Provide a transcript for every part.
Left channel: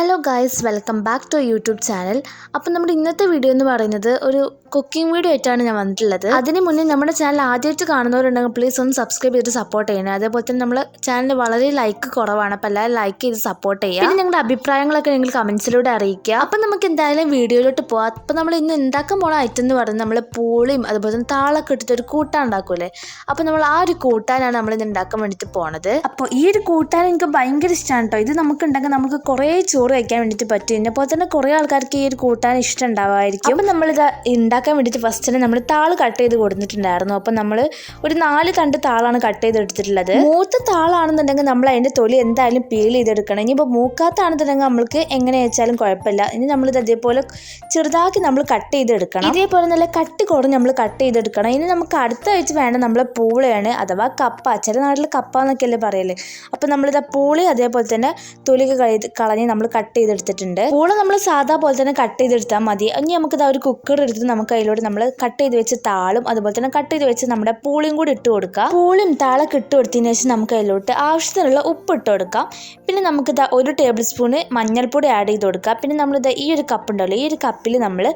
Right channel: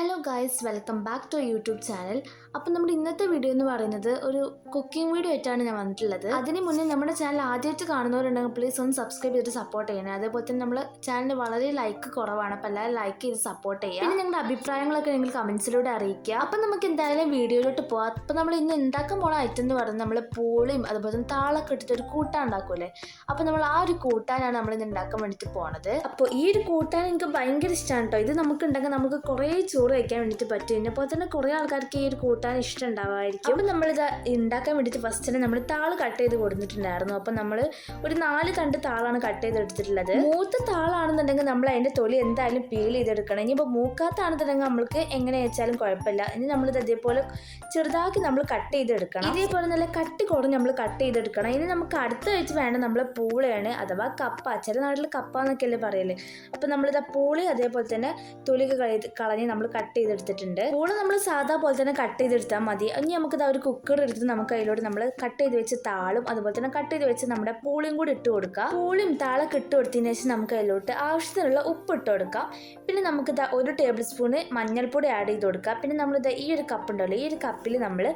Guys welcome back to YouTube channel അപ്പം നമ്മുടെ ഇന്നത്തെ വീഡിയോ എന്ന് പറയുന്നത് ഒരു കുക്കിംഗ് വീഡിയോ ആയിട്ടാണ് ഞാൻ വന്നിട്ടുള്ളത്. അതിന് മുന്നേ നമ്മുടെ ചാനൽ ആദ്യമായിട്ട് കാണുന്നവരുണ്ടെങ്കിൽ പ്ലീസ് ഒന്ന് സബ്സ്ക്രൈബ് ചെയ്ത് സപ്പോർട്ട് ചെയ്യണേ. അതേപോലെ തന്നെ നമ്മൾ ചാനൽ വളരെ ലൈക്ക് കുറവാണ്. അപ്പോൾ എല്ലാവരും ലൈക്ക് ചെയ്ത് സപ്പോർട്ട് ചെയ്യുക. പിന്നെ നിങ്ങളുടെ അഭിപ്രായങ്ങളൊക്കെ നിങ്ങൾ കമൻസിലൂടെ അറിയിക്കുക. അപ്പം നമുക്ക് എന്തായാലും വീഡിയോയിലോട്ട് പോവാം. അപ്പം നമ്മൾ ഇന്ന് ഉണ്ടാക്കാൻ പോണ ഐറ്റം എന്ന് പറയുന്നത് നമ്മൾ പൂളിയും അതുപോലെ തന്നെ താളൊക്കെ ഇട്ടിട്ട് ഒരു കൂട്ടാൻ ഉണ്ടാക്കൂലേ അപ്പോൾ നമ്മൾ ആ ഒരു കൂട്ടാനാണ് നമ്മൾ ഇന്ന് ഉണ്ടാക്കാൻ വേണ്ടിയിട്ട് പോണത്. അപ്പോൾ ഈ ഒരു കൂട്ടാൻ എനിക്ക് ഭയങ്കര ഇഷ്ടമാണ് കേട്ടോ. ഇത് നമുക്ക് ഉണ്ടെങ്കിൽ നമുക്ക് കുറേ ചോറ് കഴിക്കാൻ വേണ്ടിയിട്ട് പറ്റും. ഇതിനെ പോലെ തന്നെ കുറേ ആൾക്കാർക്ക് ഈ ഒരു കൂട്ടാൻ ഇഷ്ടം ഉണ്ടാവുമായിരിക്കും. അപ്പം നമ്മളിത് ഉണ്ടാക്കാൻ വേണ്ടിയിട്ട് ഫസ്റ്റ് തന്നെ നമ്മൾ താൾ കട്ട് ചെയ്ത് കൊടുത്തിട്ടുണ്ടായിരുന്നു. അപ്പം നമ്മൾ ഒരു നാല് തണ്ട് താളാണ് കട്ട് ചെയ്ത് എടുത്തിട്ടുള്ളത്. മൂത്ത താളാണെന്നുണ്ടെങ്കിൽ നമ്മൾ അതിന്റെ തൊലി എന്തായാലും പീൽ ചെയ്തെടുക്കണം. ഇനിയിപ്പോൾ മൂക്കാത്താണെന്നുണ്ടെങ്കിൽ നമ്മൾക്ക് എങ്ങനെ വെച്ചാലും കുഴപ്പമില്ല. ഇനി നമ്മളിത് അതേപോലെ ചെറുതാക്കി നമ്മൾ കട്ട് ചെയ്തെടുക്കണം. ഇതേപോലെ നല്ല കട്ടി കുറഞ്ഞ് നമ്മൾ കട്ട് ചെയ്തെടുക്കണം. ഇനി നമുക്ക് അടുത്ത ആഴ്ച വേണ്ട നമ്മളെ പൂളയാണ് അഥവാ കപ്പ. ചില നാട്ടിൽ കപ്പ എന്നൊക്കെയല്ലേ പറയൽ. അപ്പം നമ്മളിത് പൂളി അതേപോലെ തന്നെ തൊലി കളി കളഞ്ഞ് നമ്മൾ കട്ട് ചെയ്തെടുത്തിട്ടുണ്ട് പൂള നമ്മൾ സാധാ പോലെ തന്നെ കട്ട് ചെയ്തെടുത്താൽ മതി. ഇനി നമുക്ക് ഇതാ ഒരു കുക്കർ എടുത്ത് നമുക്ക് അതിലോട്ട് നമ്മൾ കട്ട് ചെയ്ത് വെച്ച് താളും അതുപോലെ തന്നെ കട്ട് ചെയ്ത് വെച്ച് നമ്മുടെ പൂളിയും കൂടി ഇട്ട് കൊടുക്കുക പൂളും താളൊക്കെ ഇട്ട് കൊടുത്തതിന് ശേഷം നമുക്ക് അതിലോട്ട് ആവശ്യത്തിനുള്ള ഉപ്പ് ഇട്ട് കൊടുക്കാം. പിന്നെ നമുക്ക് ഇതാ ഒരു ടേബിൾ സ്പൂണ് മഞ്ഞൾപ്പൊടി ആഡ് ചെയ്ത് കൊടുക്കുക പിന്നെ നമ്മളിത് ഈ ഒരു കപ്പ് ഉണ്ടല്ലോ ഈ ഒരു കപ്പിൽ നമ്മൾ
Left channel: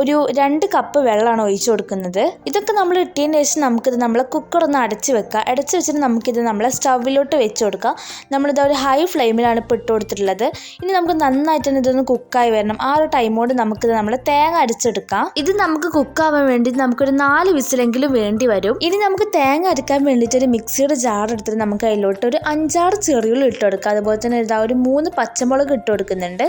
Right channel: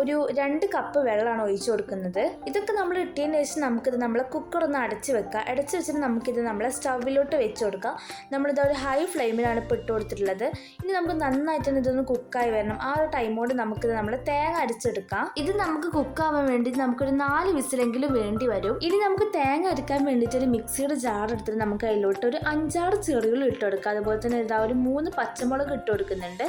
ഒരു രണ്ട് കപ്പ് വെള്ളമാണ് ഒഴിച്ചു കൊടുക്കുന്നത്. ഇതൊക്കെ നമ്മൾ ഇട്ടതിന് ശേഷം നമുക്കിത് നമ്മളെ കുക്കർ ഒന്ന് അടച്ച് വെക്കുക അടച്ച് വെച്ചിട്ട് നമുക്കിത് നമ്മളെ സ്റ്റൗവിലോട്ട് വെച്ച് കൊടുക്കുക നമ്മളിത് ഒരു ഹൈ ഫ്ലെയിമിലാണ് ഇപ്പോൾ ഇട്ട് കൊടുത്തിട്ടുള്ളത്. ഇനി നമുക്ക് നന്നായിട്ട് തന്നെ ഇതൊന്ന് കുക്കായി വരണം. ആ ഒരു ടൈമോട് നമുക്ക് നമ്മൾ തേങ്ങ അരച്ചെടുക്കാം. ഇത് നമുക്ക് കുക്കാവാൻ വേണ്ടി നമുക്കൊരു നാല് വിസിലെങ്കിലും വേണ്ടി വരും. ഇനി നമുക്ക് തേങ്ങ അരക്കാൻ വേണ്ടിയിട്ട് ഒരു മിക്സിയുടെ ജാർ എടുത്തിട്ട് നമുക്ക് അതിലോട്ട് ഒരു അഞ്ചാറ് ചെറിയുള്ളി ഇട്ട് കൊടുക്കുക അതുപോലെ തന്നെ ഇതാ ഒരു മൂന്ന് പച്ചമുളക് ഇട്ട് കൊടുക്കുന്നുണ്ട്.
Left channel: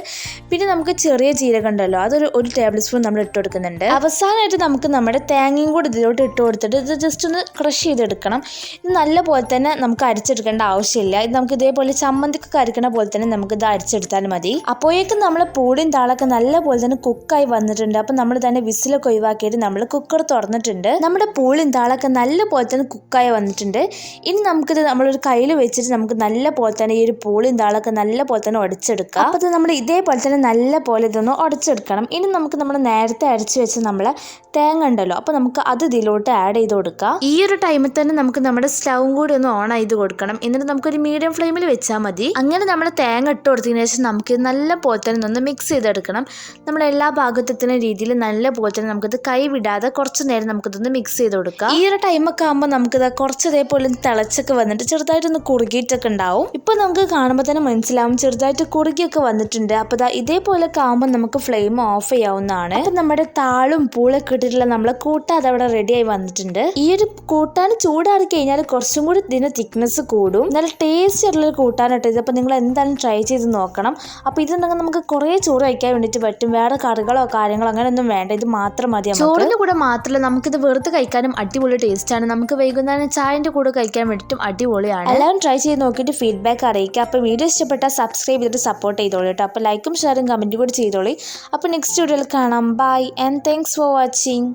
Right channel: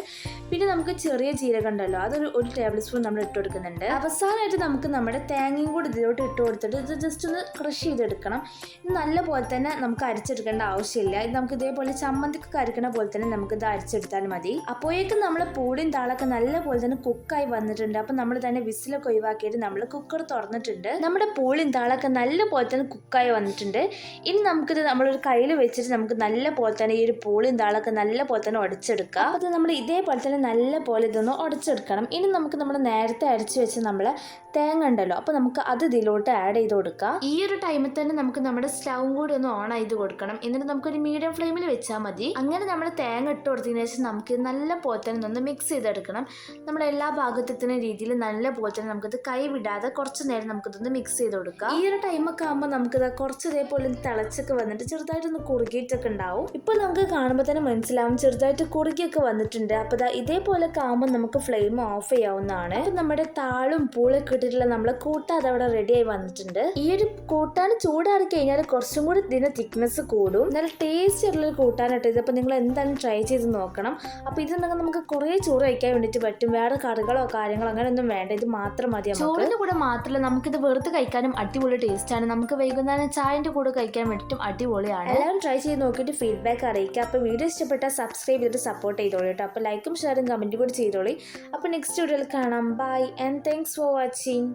പിന്നെ നമുക്ക് ചെറിയ ജീരകം ഉണ്ടല്ലോ അതൊരു ഒരു ടേബിൾ സ്പൂൺ നമ്മൾ ഇട്ട് കൊടുക്കുന്നുണ്ട്. അവസാനമായിട്ട് നമുക്ക് നമ്മുടെ തേങ്ങയും കൂടി ഇതിലോട്ട് ഇട്ട് കൊടുത്തിട്ട് ഇത് ജസ്റ്റ് ഒന്ന് ക്രഷ് ചെയ്തെടുക്കണം. ഇത് നല്ല പോലെ തന്നെ നമുക്ക് അരച്ചെടുക്കേണ്ട ആവശ്യമില്ല. ഇത് നമുക്ക് ഇതേപോലെ ചമ്മന്തിക്ക് അരിക്കണ പോലെ തന്നെ നമുക്ക് ഇത് അരിച്ചെടുത്താൽ മതി. അപ്പോഴേക്കും നമ്മൾ പൂടിയും താളൊക്കെ നല്ല പോലെ തന്നെ കുക്കായി വന്നിട്ടുണ്ട്. അപ്പം നമ്മൾ തന്നെ വിസിലൊക്കെ ഒഴിവാക്കിയിട്ട് നമ്മൾ കുക്കർ തുറന്നിട്ടുണ്ട്. നമ്മുടെ പൂളിയും താളൊക്കെ നല്ല പോലെ തന്നെ കുക്കായി വന്നിട്ടുണ്ട്. ഇനി നമുക്കിത് നമ്മളൊരു കയ്യിൽ വെച്ചിട്ട് നമുക്ക് നല്ല പോലെ തന്നെ ഈ ഒരു പൂളിയും താളൊക്കെ നല്ല പോലെ തന്നെ ഉടച്ചെടുക്കാം. അപ്പോൾ നമ്മൾ ഇതേപോലെ തന്നെ നല്ല പോലെ ഇതൊന്ന് ഉടച്ചെടുക്കണം. ഇനി നമുക്ക് നമ്മൾ നേരത്തെ അരച്ച് വെച്ച് നമ്മൾ തേങ്ങ ഉണ്ടല്ലോ അപ്പോൾ നമുക്ക് അത് ഇതിലോട്ട് ആഡ് ചെയ്ത് കൊടുക്കാം. ഈ ഒരു ടൈമിൽ തന്നെ നമുക്ക് നമ്മുടെ സ്റ്റൗവും കൂടി ഒന്ന് ഓൺ ചെയ്ത് കൊടുക്കണം. എന്നിട്ട് നമുക്കൊരു മീഡിയം ഫ്ലെയിമിൽ വെച്ചാൽ മതി. അങ്ങനെ നമ്മൾ തേങ്ങ ഇട്ട് കൊടുത്തതിന് ശേഷം നമുക്ക് നല്ല പോലെ തന്നെ ഒന്ന് മിക്സ് ചെയ്തെടുക്കണം. നമ്മുടെ എല്ലാ ഭാഗത്തെത്തുന്ന രീതിയിൽ നല്ല പോലെ തന്നെ നമുക്കിത് കൈ വിടാതെ കുറച്ച് നേരം നമുക്കിതൊന്ന് മിക്സ് ചെയ്ത് കൊടുക്കാം. ഈ ഒരു ടൈമൊക്കെ ആകുമ്പോൾ നമുക്കിത് കുറച്ച് ഇതേപോലെ തിളച്ചൊക്കെ വന്നിട്ട് ചെറുതായിട്ടൊന്ന് കുറുകിയിട്ടൊക്കെ ഉണ്ടാവും. ഇപ്പോൾ നമുക്ക് കാണുമ്പോൾ തന്നെ മനസ്സിലാവും ചെറുതായിട്ട് കുറുകിയൊക്കെ വന്നിട്ടുണ്ട്. അപ്പോൾ ഇതാ ഇതേപോലൊക്കെ ആകുമ്പോൾ നമുക്ക് ഫ്ലെയിം ഓഫ് ചെയ്യാവുന്നതാണ്. അപ്പം നമ്മുടെ താളും പൂളൊക്കെ ഇട്ടിട്ടുള്ള നമ്മളെ കൂട്ടാതെ അവിടെ റെഡിയായി വന്നിട്ടുണ്ട്. ഈ ഒരു കൂട്ടാൻ ചൂടാറി കഴിഞ്ഞാൽ കുറച്ചും കൂടി ഇതിന്റെ തിക്നെസ് കൂടും. നല്ല ടേസ്റ്റ് ആയിട്ടുള്ള കൂട്ടാനായിട്ട് ഇത്. നിങ്ങൾ എന്തായാലും ട്രൈ ചെയ്ത് നോക്കണം. അപ്പോൾ ഇതുണ്ടെങ്കിൽ നമുക്ക് കുറേ ചോറ് കഴിക്കാൻ വേണ്ടിയിട്ട് പറ്റും. വേറെ കറികളോ കാര്യങ്ങളോ അങ്ങനെയൊന്നും വേണ്ട. ഇത് മാത്രം മതി ചോറിന്റെ കൂടെ മാത്രമല്ല നമുക്കിത് വെറുതെ കഴിക്കാനും അടിപൊളി ടേസ്റ്റാണ് നമുക്ക് വൈകുന്നേരം ചായന്റെ കൂടെ കഴിക്കാൻ വേണ്ടിയിട്ടും അടിപൊളിയാണ്. എല്ലാവരും ട്രൈ ചെയ്ത് നോക്കിയിട്ട് ഫീഡ്ബാക്ക് അറിയിക്കുക. അപ്പോൾ വീഡിയോ ഇഷ്ടപ്പെട്ടാൽ സബ്സ്ക്രൈബ് ചെയ്തിട്ട് സപ്പോർട്ട് ചെയ്തോളൂ കേട്ടോ. അപ്പോൾ ലൈക്കും ഷെയറും കമന്റും കൂടി ചെയ്തോളി. അപ്പോൾ നെക്സ്റ്റ് വീഡിയോയിൽ കാണാം. Bye and thanks for watching